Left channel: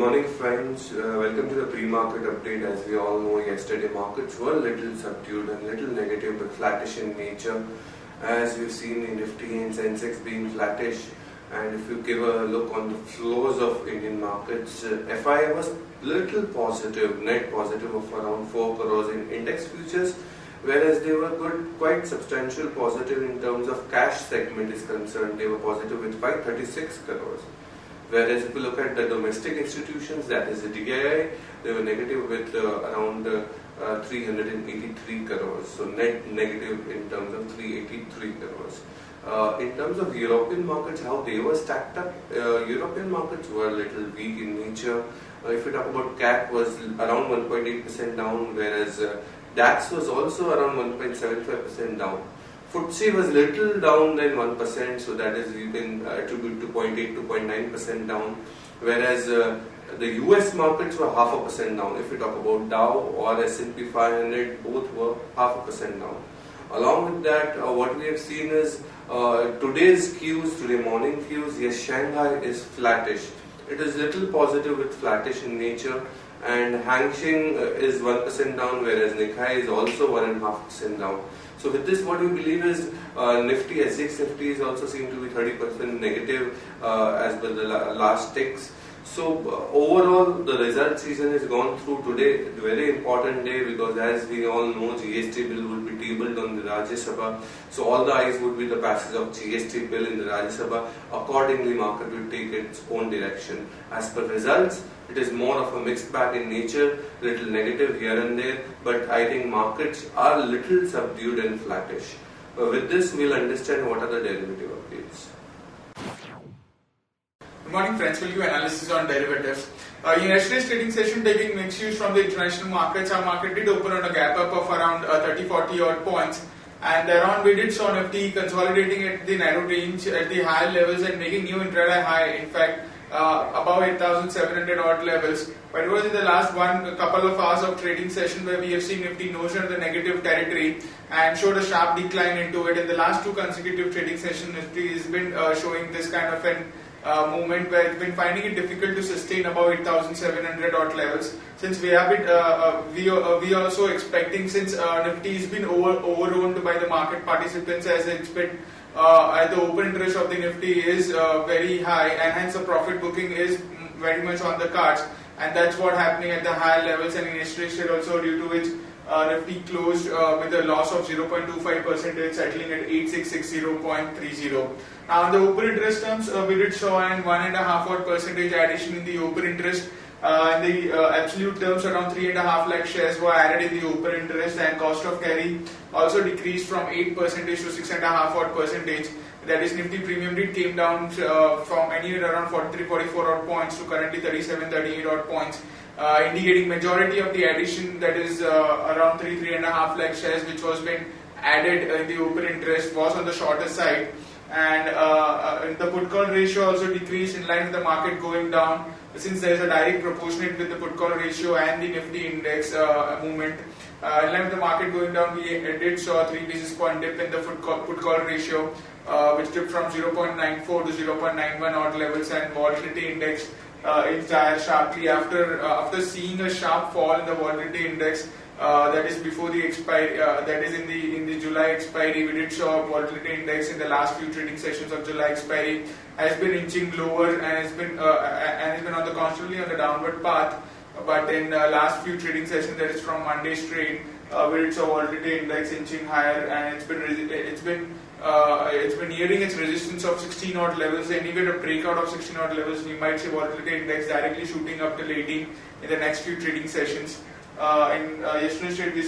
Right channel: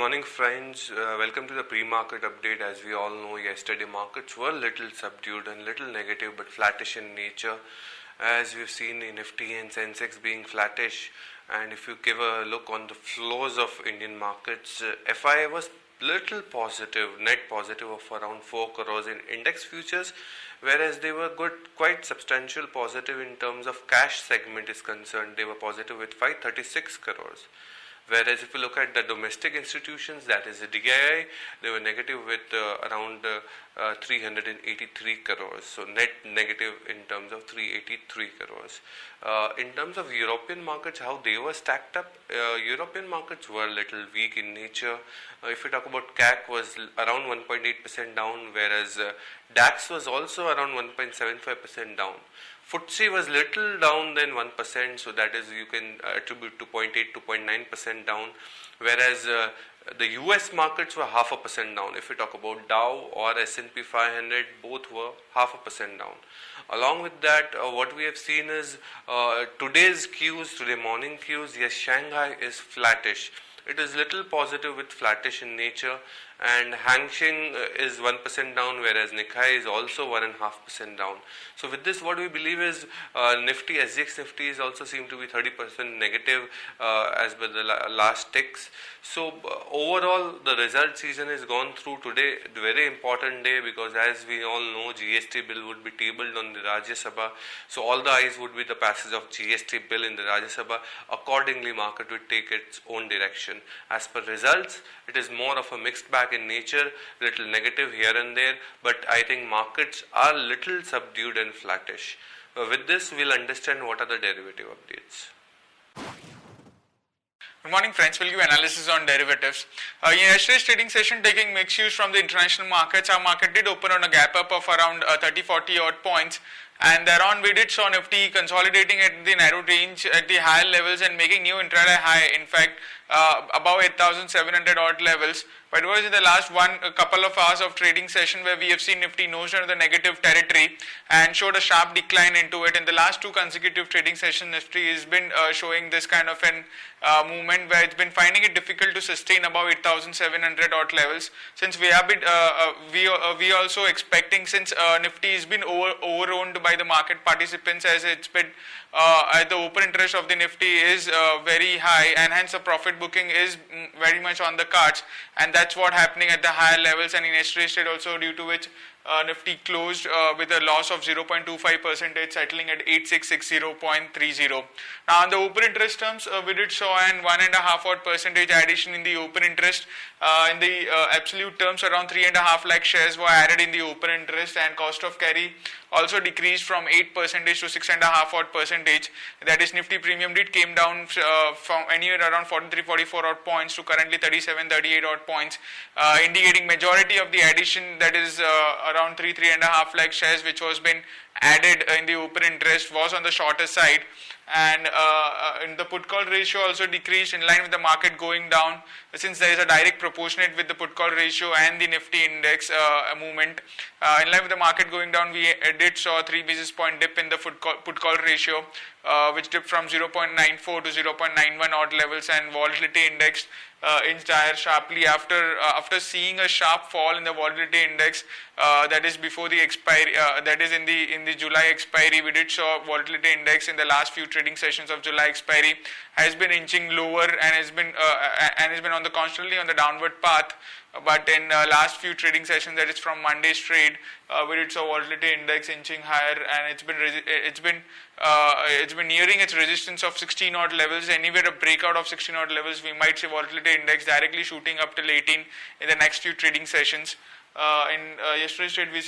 morning friends, welcome to the pre-market update. As we all know, yesterday markets were a little subdued and little negative but flattish in nature, as we've seen in Nifty and Sensex being flattish. And if you give a look on the flows of Indian markets, FI was little positive, net positive of around 4 crores in index futures, whereas they were quite substantial positive in terms of cash segment is concerned. They were positive with 536 crores. Whereas if you look at the domestic institutions, that is the DII, they were negative with around 383 crores. So net negative in terms of 383 crores. In terms of European markets, how they were stacked up, European markets were a little weak in nature. If you talk about CAC was around 1.8% down, whereas DAX was also around 1.75% down. FTSE was little down than 1%, so that is you can attribute to 0.8 to 0.9% down, whereas the US markets were 0.5% down. If we talk about Dow or S&P 500, both were 0.5% down. Along with that, what we have seen is today's cues, today morning cues, yes, Shanghai is flattish. It is little positive with flattish in nature, and Hang Seng is 1% down, whereas Nikkei is also 1.5% down. So with this, what we believe is Nifty, SGX Nifty is also seem to be 30% negative as per the last ticks. So overall, the result season is gone through today. A very important day, because as we all know, GST bill would be tabled on the Rajya Sabha. So all the eyes would be the passage of GST bill in the Rajya Sabha. Accordingly, market will take its own direction. As per results, it is more of a mixed bag in nature, little negative here and there, but I think markets are little subdued and flattish. With this, we'll understand what are the derivative updates. Good morning friends, we'll give analysis on derivatives. In yesterday's trading session, taking mixed views from the international markets, our market did open on a gap up of around 30-40 odd points, and thereon we did saw Nifty consolidating at the narrow range at the higher levels and making new intraday high, in fact above 8,700 odd levels. But it was in the last couple of hours of trading session where we have seen Nifty nose under the negative territory and showed a sharp decline into it. In the last two consecutive trading sessions, Nifty has been showing this kind of an movement where it's been finding it difficult to sustain above 8,700 odd levels. Since we have been, we also expecting, since Nifty has been overowned by the market participants, as it's been the open interest of the Nifty is very high, and hence the profit booking is very much on the cards, and that's what happening at the higher levels. And in yesterday's trade also, due to which Nifty closed with a loss of 0.25%, settling at 8660.30. Now, on the open interest terms, we did show an 1.5% addition in the open interest. In the absolute terms, around 3.5 lakh shares were added in the open interest, and cost of carry also decreased from 8% to 6.5%. That is, Nifty premium did came down from anywhere around 43-44 odd points to currently 37-38 odd points, indicating majority of the addition, that is around 3.5 lakh shares which was been added in the open interest, was on the shorter side. And the put call ratio also decreased in line with the market going down, since there is a direct proportionate with the put call ratio and the Nifty index movement. In line with the market going down, we did saw a 3 basis point dip in the put call ratio, which dipped from 0.94 to 0.91 odd levels, and volatility index inched higher sharply after seeing a sharp fall in the volatility index. That is before the expiry, that is in the July expiry. We did show volatility index in the last few trading sessions of July expiry has been inching lower and has been on the constantly on the downward path. But in last few trading sessions, that is from Monday's trade, we did saw volatility index inching higher, and it's been nearing its resistance of 16 odd levels. Anywhere a breakout of 16 odd levels, we might see volatility index directly shooting up till 18 in the next few trading sessions. In yesterday's trade, we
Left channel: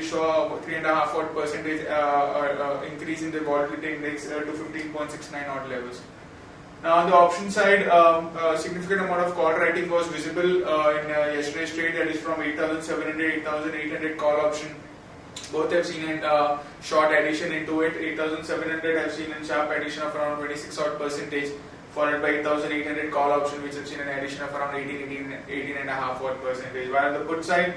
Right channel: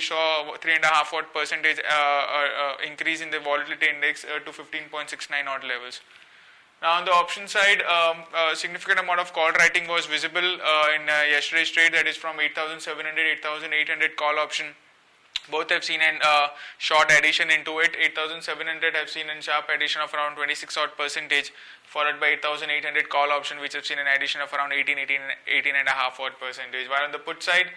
saw 3.5% increase in the volatility index to 15.69 odd levels. Now, on the option side, a significant amount of call writing was visible in yesterday's trade, that is from 8,700, 8,800 call option. Both have seen a short addition into it. 8,700 have seen a sharp addition of around 26 odd percentage, followed by 8,800 call option, which have seen an addition of around 18.5 odd percentage. While on the put side,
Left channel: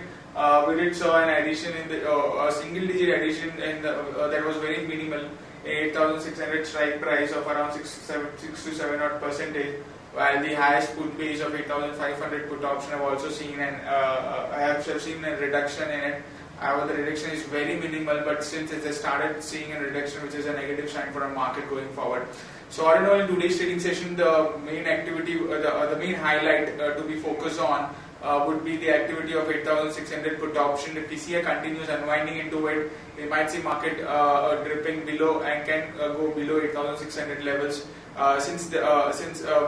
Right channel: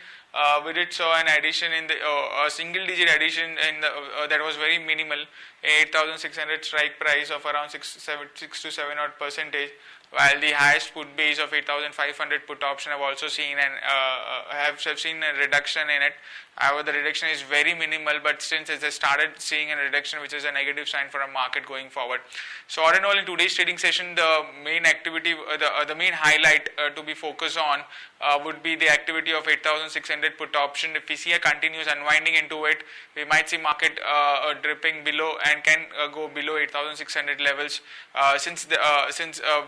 we did saw an addition in the a single digit addition in the that was very minimal, 8,600 strike price of around 6 to 7 odd percentage. while the highest put base of 8,500 put option have also seen and have seen a reduction in it. However, the reduction is very minimal, but since it has started seeing a reduction, which is a negative sign for a market going forward. So all in all, in today's trading session, the main activity, the main highlight to be focused on would be the activity of 8,600 put option. If we see a continuous unwinding into it, we might see market dripping below and can go below 8,600 levels. Since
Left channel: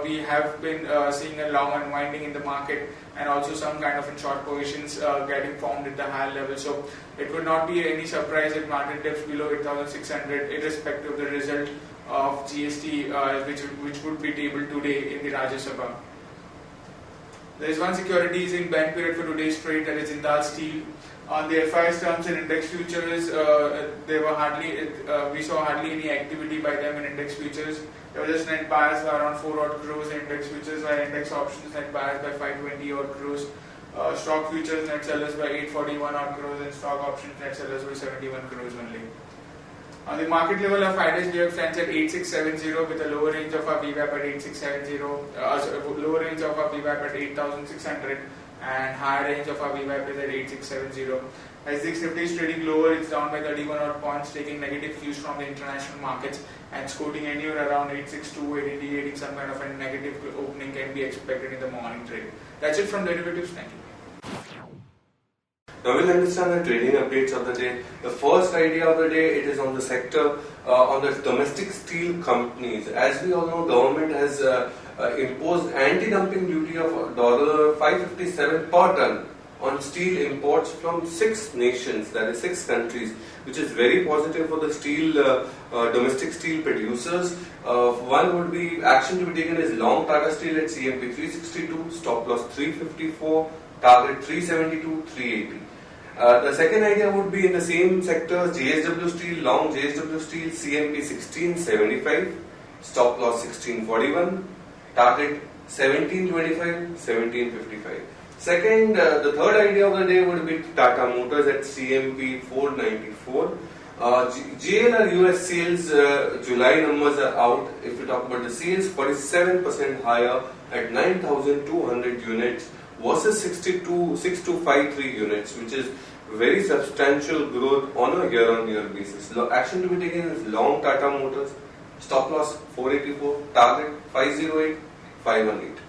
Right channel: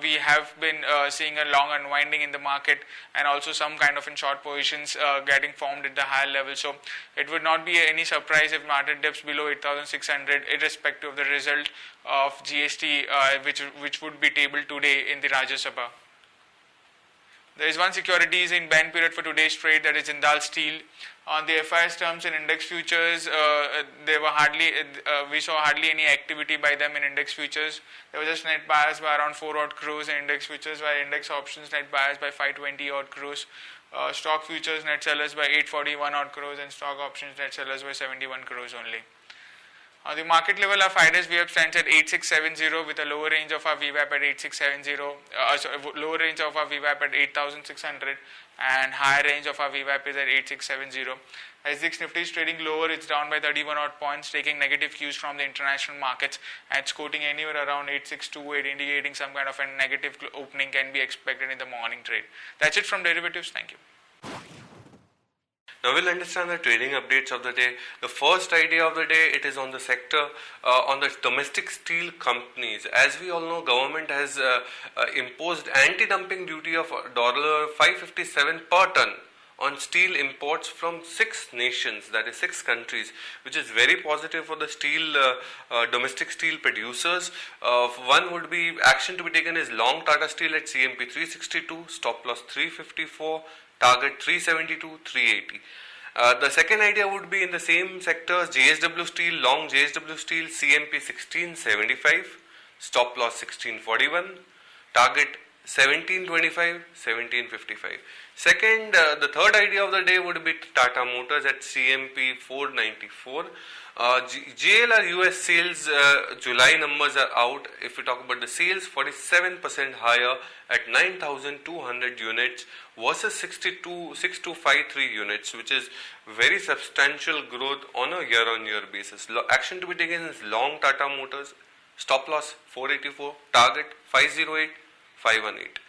we have been seeing a long unwinding in the market and also some kind of in short positions getting formed at the higher level. So it would not be any surprise if market dips below 8,600 irrespective of the result of GST which would be tabled today in the Rajya Sabha. There is one securities in ban period for today's trade, that is Jindal Steel. On the FIS terms and index futures, we saw hardly any activity by them in index futures. There was just net buyers by around 4 odd crores in index futures, while index options net buyers by 520 odd crores. Stock futures net sellers by 841 odd crores and stock options net sellers by 71 crores only. On the market level, our finest VWAP stands at 8670 with a lower range of our VWAP at 8670, lower range of our VWAP at 8600 and higher range of our VWAP is at 8670. As the Nifty is trading lower, it's down by 31 odd points, taking negative cues from the international markets and scooting anywhere around 862, indicating some kind of a negative opening can be expected in the morning trade. That's it from derivatives. Thank you. Now we'll understand the trading updates of the day. The first idea of the day, it is on the sector, on the domestic steel companies. As we all know, government has imposed anti-dumping duty of $557 per ton on steel imports from 6 nations, that is 6 countries, which is very positive for the steel, domestic steel producers. One would be, action to be taken is long Tata Steel at CMP 362, stop loss 354, target 372, 380. The second idea would be in the same sectors, JSW Steel, long JSW Steel, CMP 1675, stop loss 1641, target 1725, 1755. Second, the third idea of the day would be Tata Motors at CMP 494. JLR US sales, July numbers are out. If we talk about the sales, 47% higher at 9,200 units versus 6253 units, which is very substantial growth on a year-on-year basis. Action to be taken is long Tata Motors, stop loss 484, target 508, 518.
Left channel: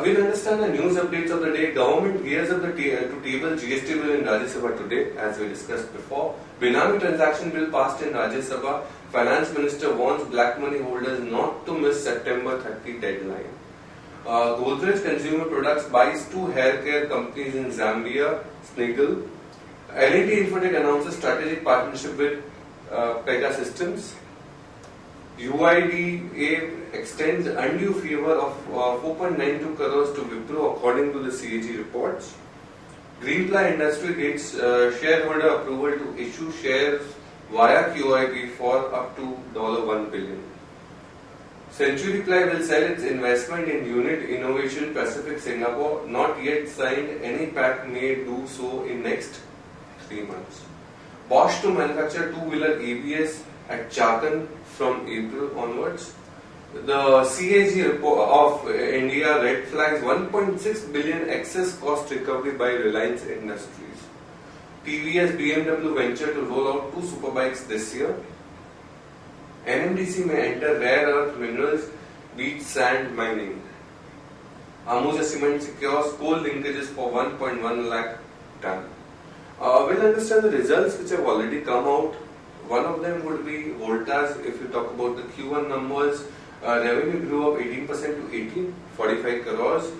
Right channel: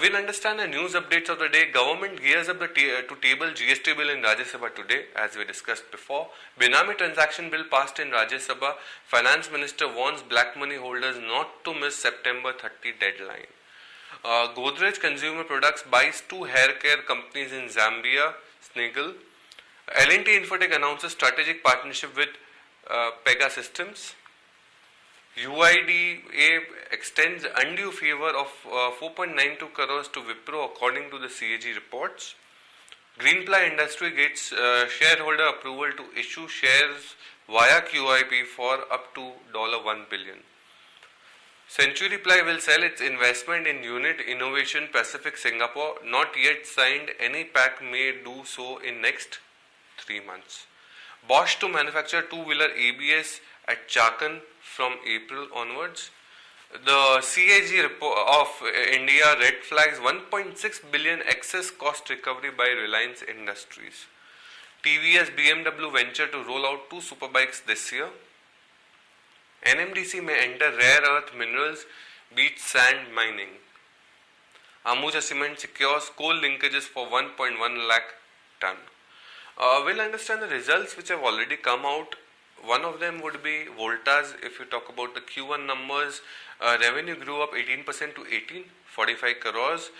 We'll understand the news updates of the day. Government gears up to table GST bill in Rajya Sabha today, as we discussed before. Benami transaction bill passed in Rajya Sabha. Finance Minister warns black money holders not to miss September 30 deadline. Godrej Consumer Products buys 2 hair care companies in Zambia, Sniggle. L&T Infotech announces strategic partnership with Pega Systems. UIDA extends undue favor of 4.92 crores to Wipro according to the CAG reports. Greenply Industry gets shareholder approval to issue shares via QIP for up to $1 billion. Century Ply will sell its investment in Unit Innovation Pacific Singapore, not yet signed. Any pact may do so in next 3 months. Bosch to manufacture 2-wheeler ABS at Chakan from April onwards. The CAG of India red flags 1.6 billion excess cost recovery by Reliance Industries. TVS BMW venture to roll out 2 superbikes this year. NMDC may enter rare earth minerals, beach sand mining. Ambuja Cement secures coal linkages for 1.1 lakh ton. We'll understand the results which have already come out. One of them would be Voltas. If you talk about the Q1 numbers, revenue grew up 18% to 1845 crores.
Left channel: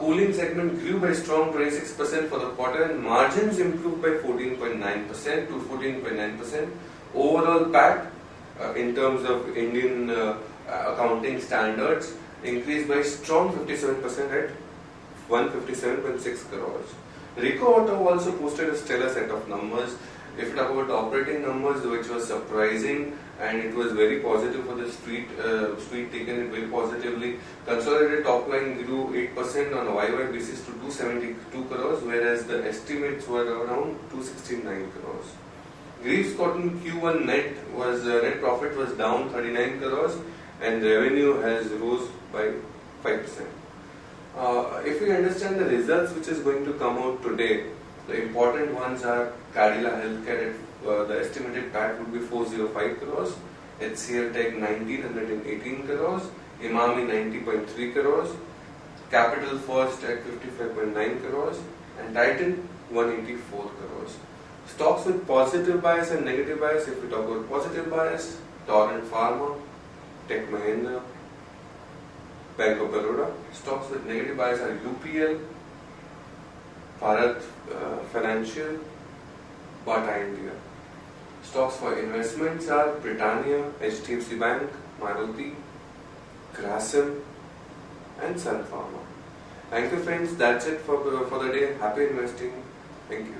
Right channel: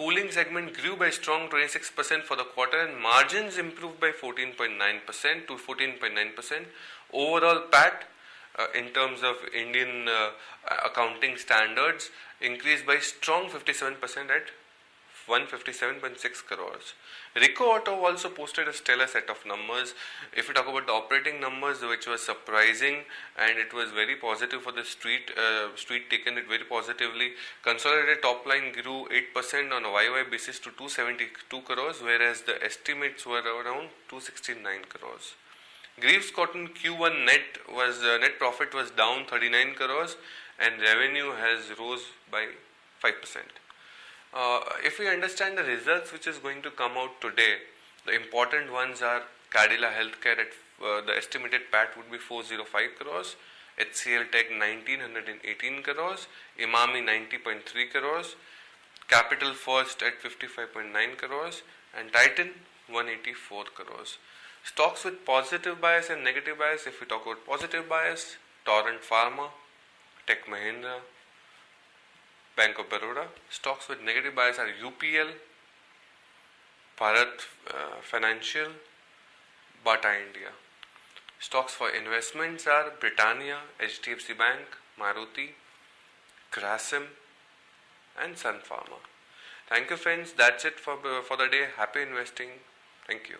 Cooling segment grew by strong 26% for the quarter and margins improved by 14.9% to 14.9%. Overall PAT in terms of Indian accounting standards increased by strong 57% at 157.6 crores. Rico Auto also posted a stellar set of numbers. If you talk about the operating numbers, which was surprising and it was very positive for the street taken it very positively. Consolidated top line grew 8% on a YY basis to 272 crores, whereas the estimates were around 269 crores. Greaves Cotton Q1 net profit was down 39 crores and revenue has rose by 5%. If we understand the results which is going to come out today, the important ones are Cadila Healthcare at the estimated PAT would be 405 crores, HCL Tech 1918 crores, Imami 90.3 crores, Capital First at 55.9 crores, and Titan 184 crores. Stocks with positive bias and negative bias, if we talk about positive bias, Torrent Pharma, Tech Mahindra, Bank of Baroda. Stocks with negative bias are UPL, Bharat Financial, Bata India. Stocks for investments are Britannia, HDFC Bank, Maruti, Grasim, and Sun Pharma. Thank you friends, that's it for the day. Happy investing. Thank you.